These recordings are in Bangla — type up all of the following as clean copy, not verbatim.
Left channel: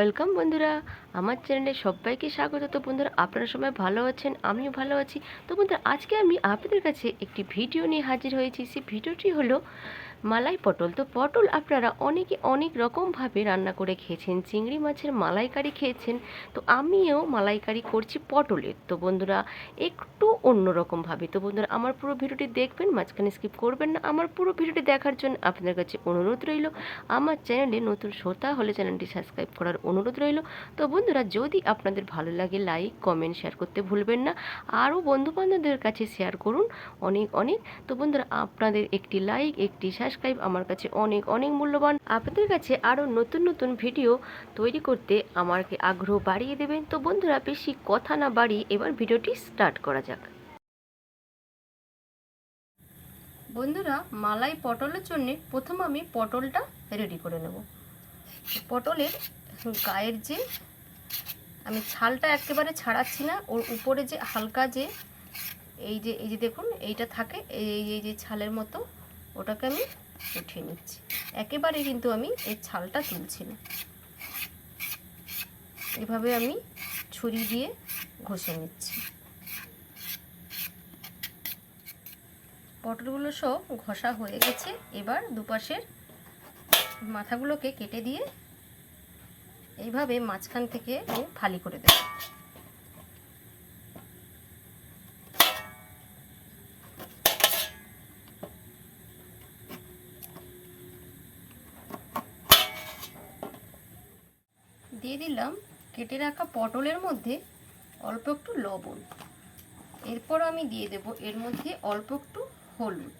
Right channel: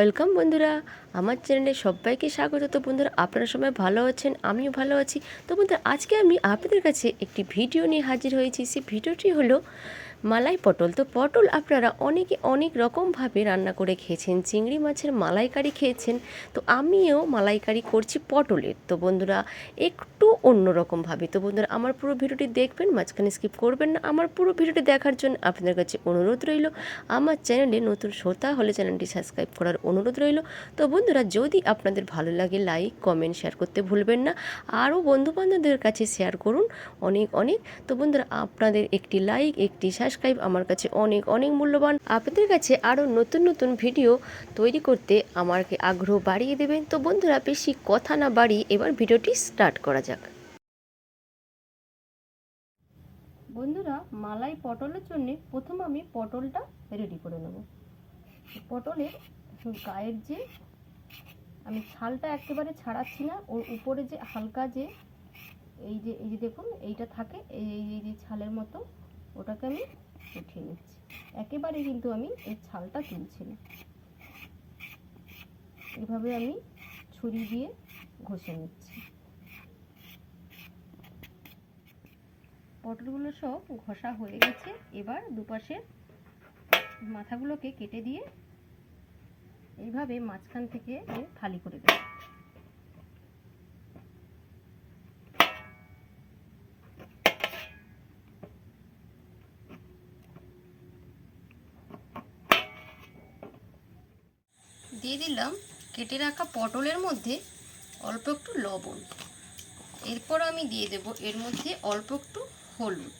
ওয়েলকাম বন্ধুরা, আমার চ্যানেলে সবাইকে স্বাগত। তো বন্ধুরা, আপনারা সবাই ভালো আছেন, আমিও ভালো আছি। তো বন্ধুরা, আজকে আমি আপনাদের কাছে একটি ভিডিও নিয়ে হাজির হয়েছি। সেই ভিডিওটি হলো মালাই পটল। তো পটল আপনারা অনেকে অনেক রকমভাবে রান্না করে খেয়েছেন, চিংড়ি মাছের মালাইকারি খেয়েছেন। তো আমিও মালাইকারি করছি পটলের। তো বন্ধুরা, একটু অন্যরকমভাবে। তো বন্ধুরা, আমার পুরো ভিডিওটি দেখবেন, মাঝখানে স্কিপ করবেন না। আমার পুরো ভিডিওটি দেখার জন্য আপনাদের কাছে অনুরোধ রইল। আমার চ্যানেলে নতুন শ্রোতা হলে চ্যানেলটি সাবস্ক্রাইব করার অনুরোধ রইল। তো বন্ধুরা, যদি আপনাদের ভালো লাগে লাইক কমেন্ট শেয়ার করতে ভুলবেন না। আরও বন্ধুবান্ধবদের কাছে শেয়ার করুন অনেক অনেক। তো বন্ধুরা, আপনাদের একটি লাইক একটি সাবস্ক্রাইব আমার কাছে অনেক অনেক মূল্যবান। আপনাদের কাছে আরও নতুন নতুন ভিডিও তৈরি করতে আমাকে আগ্রহ বাড়িয়ে দেবেন। তো বন্ধুরা, বেশি কথা না বাড়িয়ে এবার ভিডিওটি স্টার্ট করা যাক। বন্ধুরা, মালাই পটলের জন্য প্রথম আমি পটলটা রেডি করে নেব। পটলের গায়ের যে আমি ছালটা একেবারে ছাড়াচ্ছি না, ওর উপরে যে হালকা যে এই যে দেখুন এইটা থাকে, এই যে ছালের মতো, ওটাকে আমি উঠিয়ে নিচ্ছি। একেবারে কিন্তু আমি এই ছালটা তুলছি না, এভাবে আমি ছুরি দিয়ে ঘষে নিচ্ছি। পটলগুলো সব ঘষা হয়ে গেছে। এবার দুপাশের মাথাগুলোকে কেটে দিয়ে এইভাবে মাঝখান থেকে আমি ফালি করে দেব। দিয়ে দিলাম কেটে রাখা পটলের মধ্যে অল্প একটু লবণ। এরপর আমি দিয়ে দেব এর মধ্যে অল্প একটু হলুদ।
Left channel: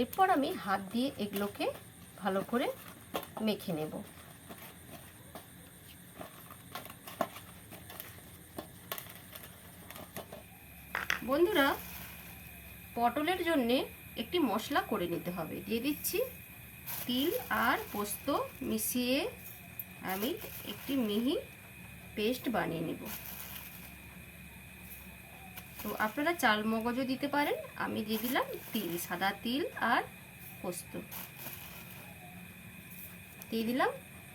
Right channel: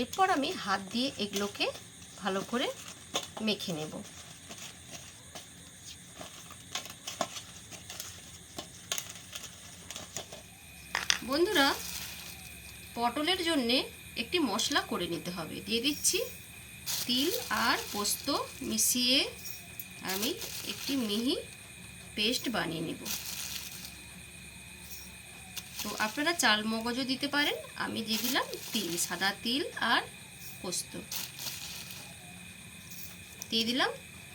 এরপর আমি হাত দিয়ে এগুলোকে ভালো করে মেখে নেব। বন্ধুরা, পটলের জন্যে একটি মশলা করে নিতে হবে। দিয়ে দিচ্ছি তিল আর পোস্ত মিশিয়ে আমি একটি মিহি পেস্ট বানিয়ে নেব। তো আপনারা চাল মগজও দিতে পারেন, আমি দিয়ে দিলাম তিল, সাদা তিল আর পোস্ত দিয়ে দিলাম।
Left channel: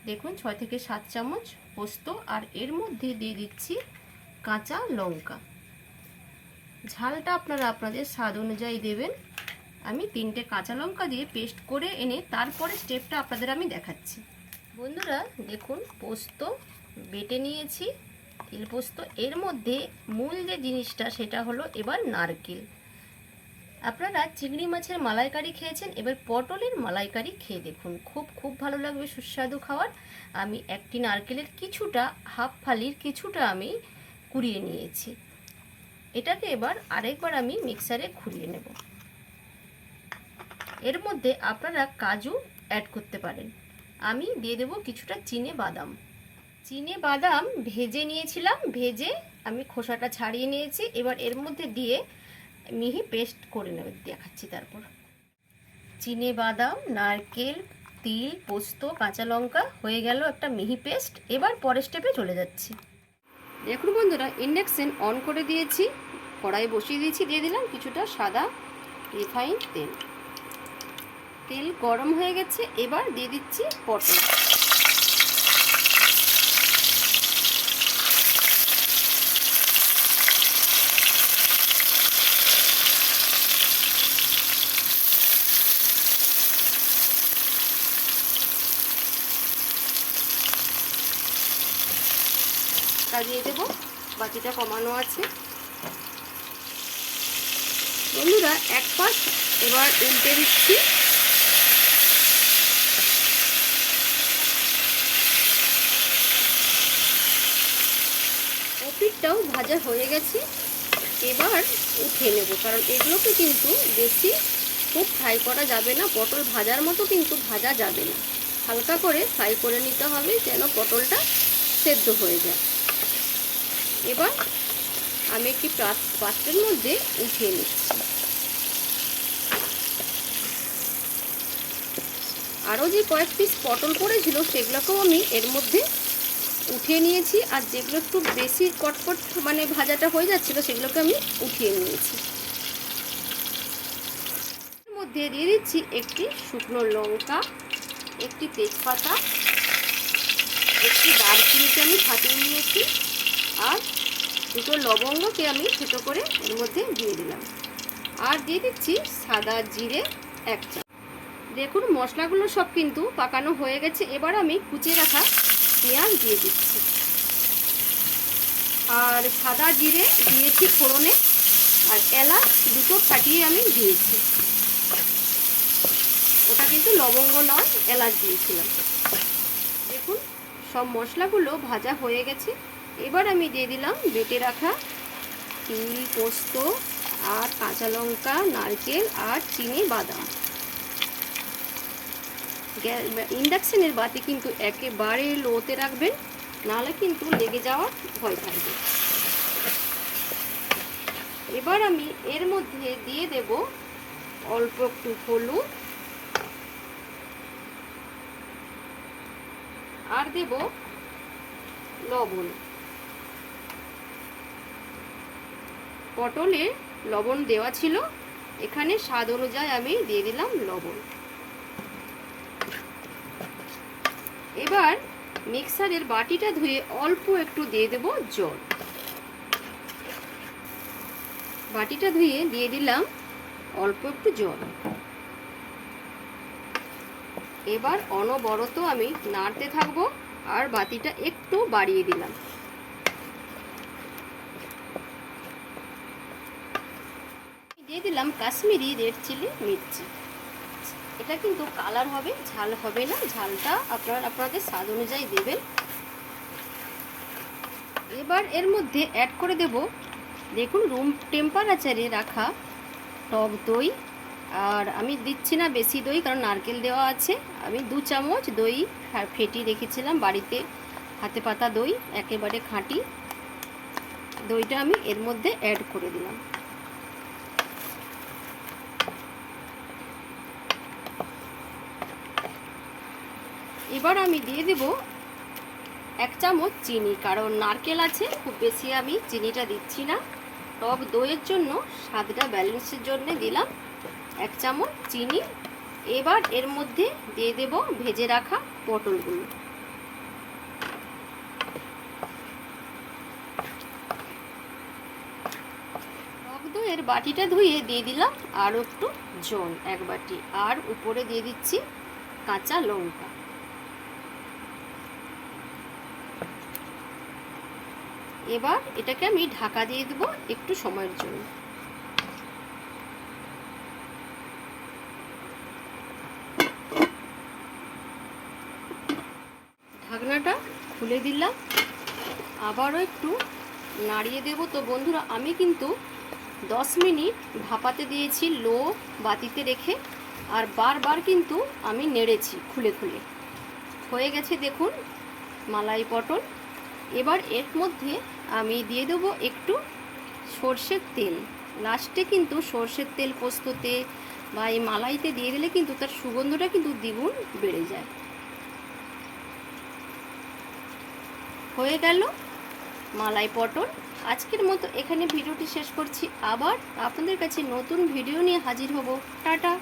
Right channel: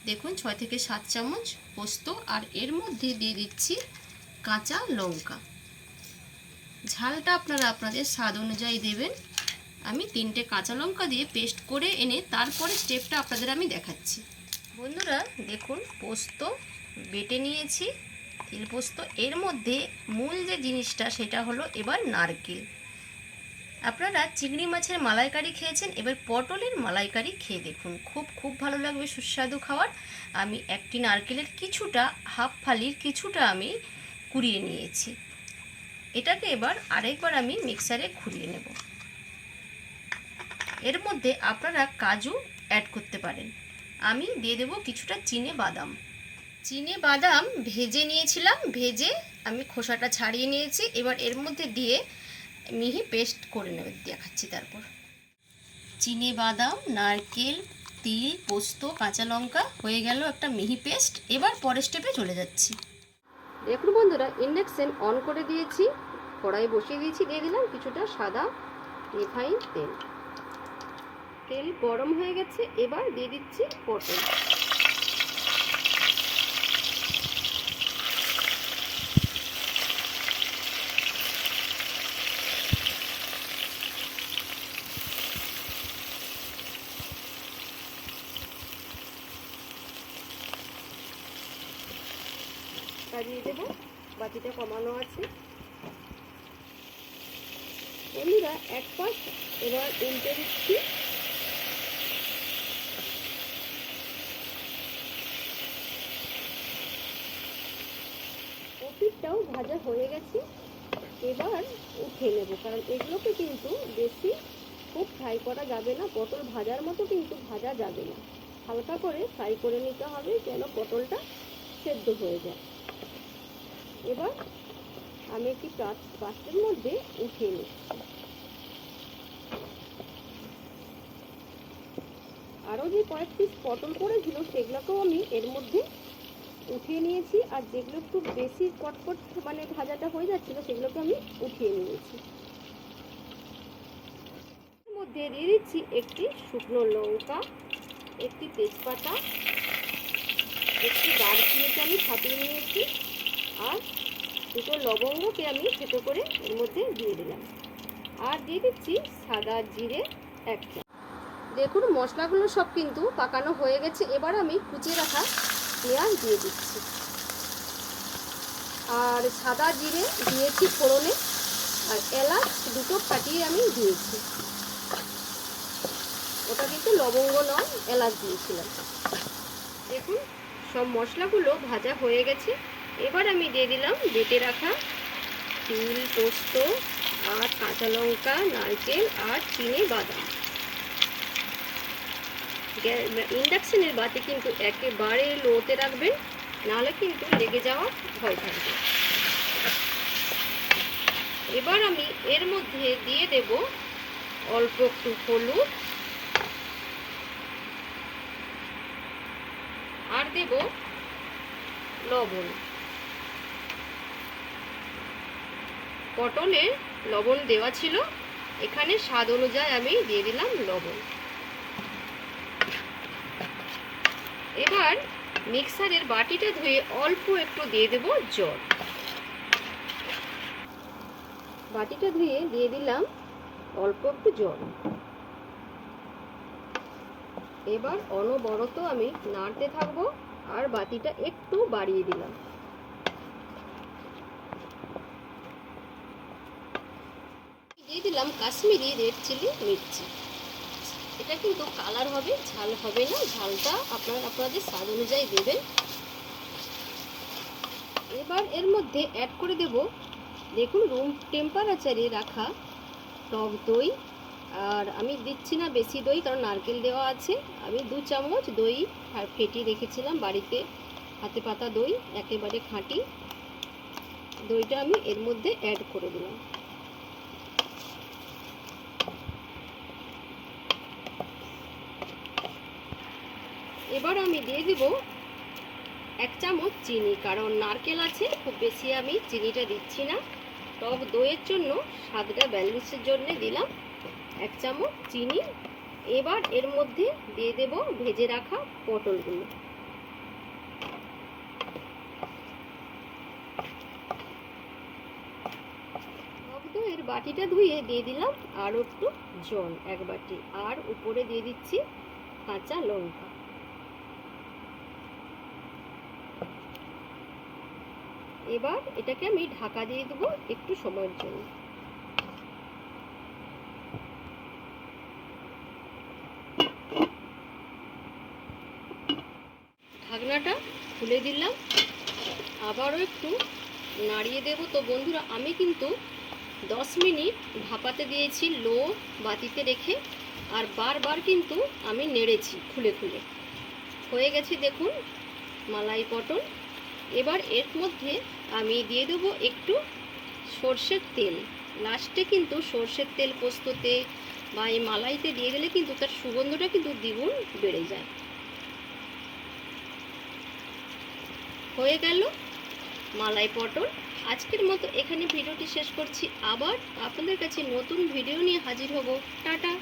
দেখুন 6 থেকে 7 চামচ পোস্ত, আর এর মধ্যে দিয়ে দিচ্ছি কাঁচা লঙ্কা। ঝালটা আপনারা আপনাদের স্বাদ অনুযায়ী দেবেন। আমি 3টে কাঁচা লঙ্কা দিয়ে পেস্ট করে এনে তারপরে স্টেপটা আপনাদের আমি দেখাচ্ছি। বন্ধুরা দেখুন, পোস্ত বেটে নিয়েছি, তিল পোস্ত। এর মধ্যে মূল যে জিনিসটা সেটা হলো এবার নারকেল। আপনারা চিংড়ি মাছের মালাইকারি খেয়েছেন, এবার পটলের মালাইকারি খেয়ে দেখুন, খুব ভালো লাগবে, সুস্বাদু খাবার। আমি একটি নারকেলের কিছুটা, হাফ ফালির কিছুটা আমি কুড়িয়ে নিয়েছি। এটাকে এবার আরেকবার আমি মিক্সারে ঘুরিয়ে নেব। এর মধ্যে আপনারা কাজু অ্যাড করতে পারেন। আমি দিয়ে দেব কিছুটা চিনে বাদাম। চিনে বাদাম ভেজে নিয়েছিলাম, ভেজে আমি খোসাটা ছাড়িয়ে নিয়েছি। এবার এর মধ্যে দিয়ে মিহি পেস্ট করে নেব, দেখাচ্ছি। তারপর চিনে বাদাম, নারকেল, তিল, পোস্ত, কাঁচা লঙ্কা হয়ে গেল একটা মিহি পেস্ট। এবার পরের স্টেপে চলে যাচ্ছি। দেখুন বন্ধুরা, ইন্ডাকশন অন করে দিয়েছি, কড়াই বসিয়ে দিয়েছি। দিয়ে দিলাম কিছুটা সাদা রিফাইন তেল। তেল গরম হয়ে গেছে, এবার দিয়ে দিচ্ছি পটল। দিয়ে দেবো, বাকিটা কমানো আছে। বন্ধুরা, এক পাশ এবার উল্টে দিচ্ছি। পিঠটাও ভাজা হয়ে গেছে, এবার উঠিয়ে নেব, কারণ এগুলোকে কিন্তু বেশি খুব ফ্রাই করা যাবে না, পটল ভাজার মতো কিন্তু ভাজা যাবে না। হালকা করে ফ্রাই করে নিতে হবে যেন পটলটা সেদ্ধ হয়ে যায়। এবার আমি একটি পাত্রের মধ্যে উঠিয়ে নিচ্ছি। আরও যে কয়েক পিস পটল পড়েছিল সেগুলোকেও আমি এর মধ্যে উঠিয়ে নিয়েছি, আর যেগুলো একটু বেশি কটকট মানে ভাজাটা হয়ে যাচ্ছিল সেগুলোকে আমি উঠিয়ে নিয়েছি। এর মধ্যে দিয়ে দিচ্ছি একটি শুকনো লঙ্কা, একটি তেজপাতা, একটি দারচিনিকে আমি ফাটিয়ে নিয়েছি, আর দুটো লবঙ্গকে আমি ছোটো করে এর মধ্যে দিয়ে দিলাম। আর দিয়ে দিচ্ছি সাদা জিরে 1 চামচ। দেখুন মশলাগুলো সব কিন্তু পাকানো হয়ে গেছে। এবার আমি কুচিয়ে রাখা পেঁয়াজ দিয়ে দিচ্ছি, আর সাদা জিরে দিয়েছি ফোড়নে, আর এলাচ দুটো ফাটিয়ে আমি দিয়েছি। ওটা কিন্তু লবঙ্গ নয়, এলাচ দিয়েছিলাম। দেখুন সব মশলাগুলো ভাজা হয়ে গেছে। এবার আমি দিয়ে দিলাম বেটে রাখা তিল, পোস্ত আর কাঁচা লঙ্কা, নারকেল আর চিনি বাদাম। ইন্ডাকশনের বাতি কিন্তু একেবারে লোতে রাখবেন, নাহলে কিন্তু লেগে যাওয়ার ভয় থাকবে। এবার আমি এর মধ্যে দিয়ে দেব অল্প একটু হলুদ, আর দেব লবণ। পটলে লবণ দেওয়া ছিল, এখানে স্বাদ অনুযায়ী আমি দিয়ে দিলাম লবণ। এবার মিক্সারের বাটিটা ধুয়ে অল্প একটু দিয়ে দেব জল। বাটিটা ধুয়ে দিয়ে দিলাম অল্প একটু জল। এবার অনবরত আমি নাড়তে থাকবো, আর বাটিটা একটু বাড়িয়ে দিলাম। দিয়ে দিলাম কাশ্মীরি রেড চিলি মির্চি। এটা কিন্তু কালার হবে, ঝাল হবে না। ঝালটা আপনাদের স্বাদ অনুযায়ী দেবেন। এবার এর মধ্যে অ্যাড করে দেব, দেখুন রুম টেম্পারেচারে রাখা টক দই। আর আমি দিচ্ছি না বেশি দই, কারণ নারকেল দেওয়া আছে। আমি 2 চামচ দই ফেটিয়ে রেখেছিলাম বাড়িতে, হাতে পাতা দই, একেবারে খাঁটি দইটা আমি এর মধ্যে অ্যাড করে দিলাম। এবার আমি দিয়ে দেব 1 চামচ চিনি, কারণ নারকেল আছে, খুব বেশি আমি চিনিটা দিচ্ছি না। টক দইয়ের জন্য স্বাদটা ব্যালেন্সের জন্য দিলাম 1 চামচ চিনি। এবার এর মধ্যে দিয়ে দেব ভেজে রাখা পটলগুলো। টক দইয়ের বাটিটা ধুয়ে দিয়ে দিলাম আরও একটু জল, 1 বাটি। আর উপরে দিয়ে দিচ্ছি কাঁচা লঙ্কা। এবার এটাকে আমি ঢাকা দিয়ে দেবো একটু সময়ের জন্য। ঢাকনাটা খুলে দিলাম, আবারও একটু নাড়িয়ে দেব। তো বন্ধুরা, আমি কিন্তু 10 মিনিট ভাপাতে দিয়েছি লো বাতিতে রেখে, আর বারবার কিন্তু আমি নেড়েছি খুলে খুলে। হয়ে গেছে দেখুন মালাই পটল। এবার এর মধ্যে আমি দিয়ে দেবো একটু সর্ষের তেল। লাস্টে কিন্তু সর্ষের তেল পোস্ততে বা এই মালাইতে দিয়ে দিলে কিন্তু তার সুগন্ধটা কিন্তু দ্বিগুণ বেড়ে যায়। হয়ে গেল মালাই পটল। আজকের মতো এখানে ভিডিওটি শেষ করছি। আবার আপনাদের কাছে নতুন ভিডিও নিয়ে হাজির হব। টাটা।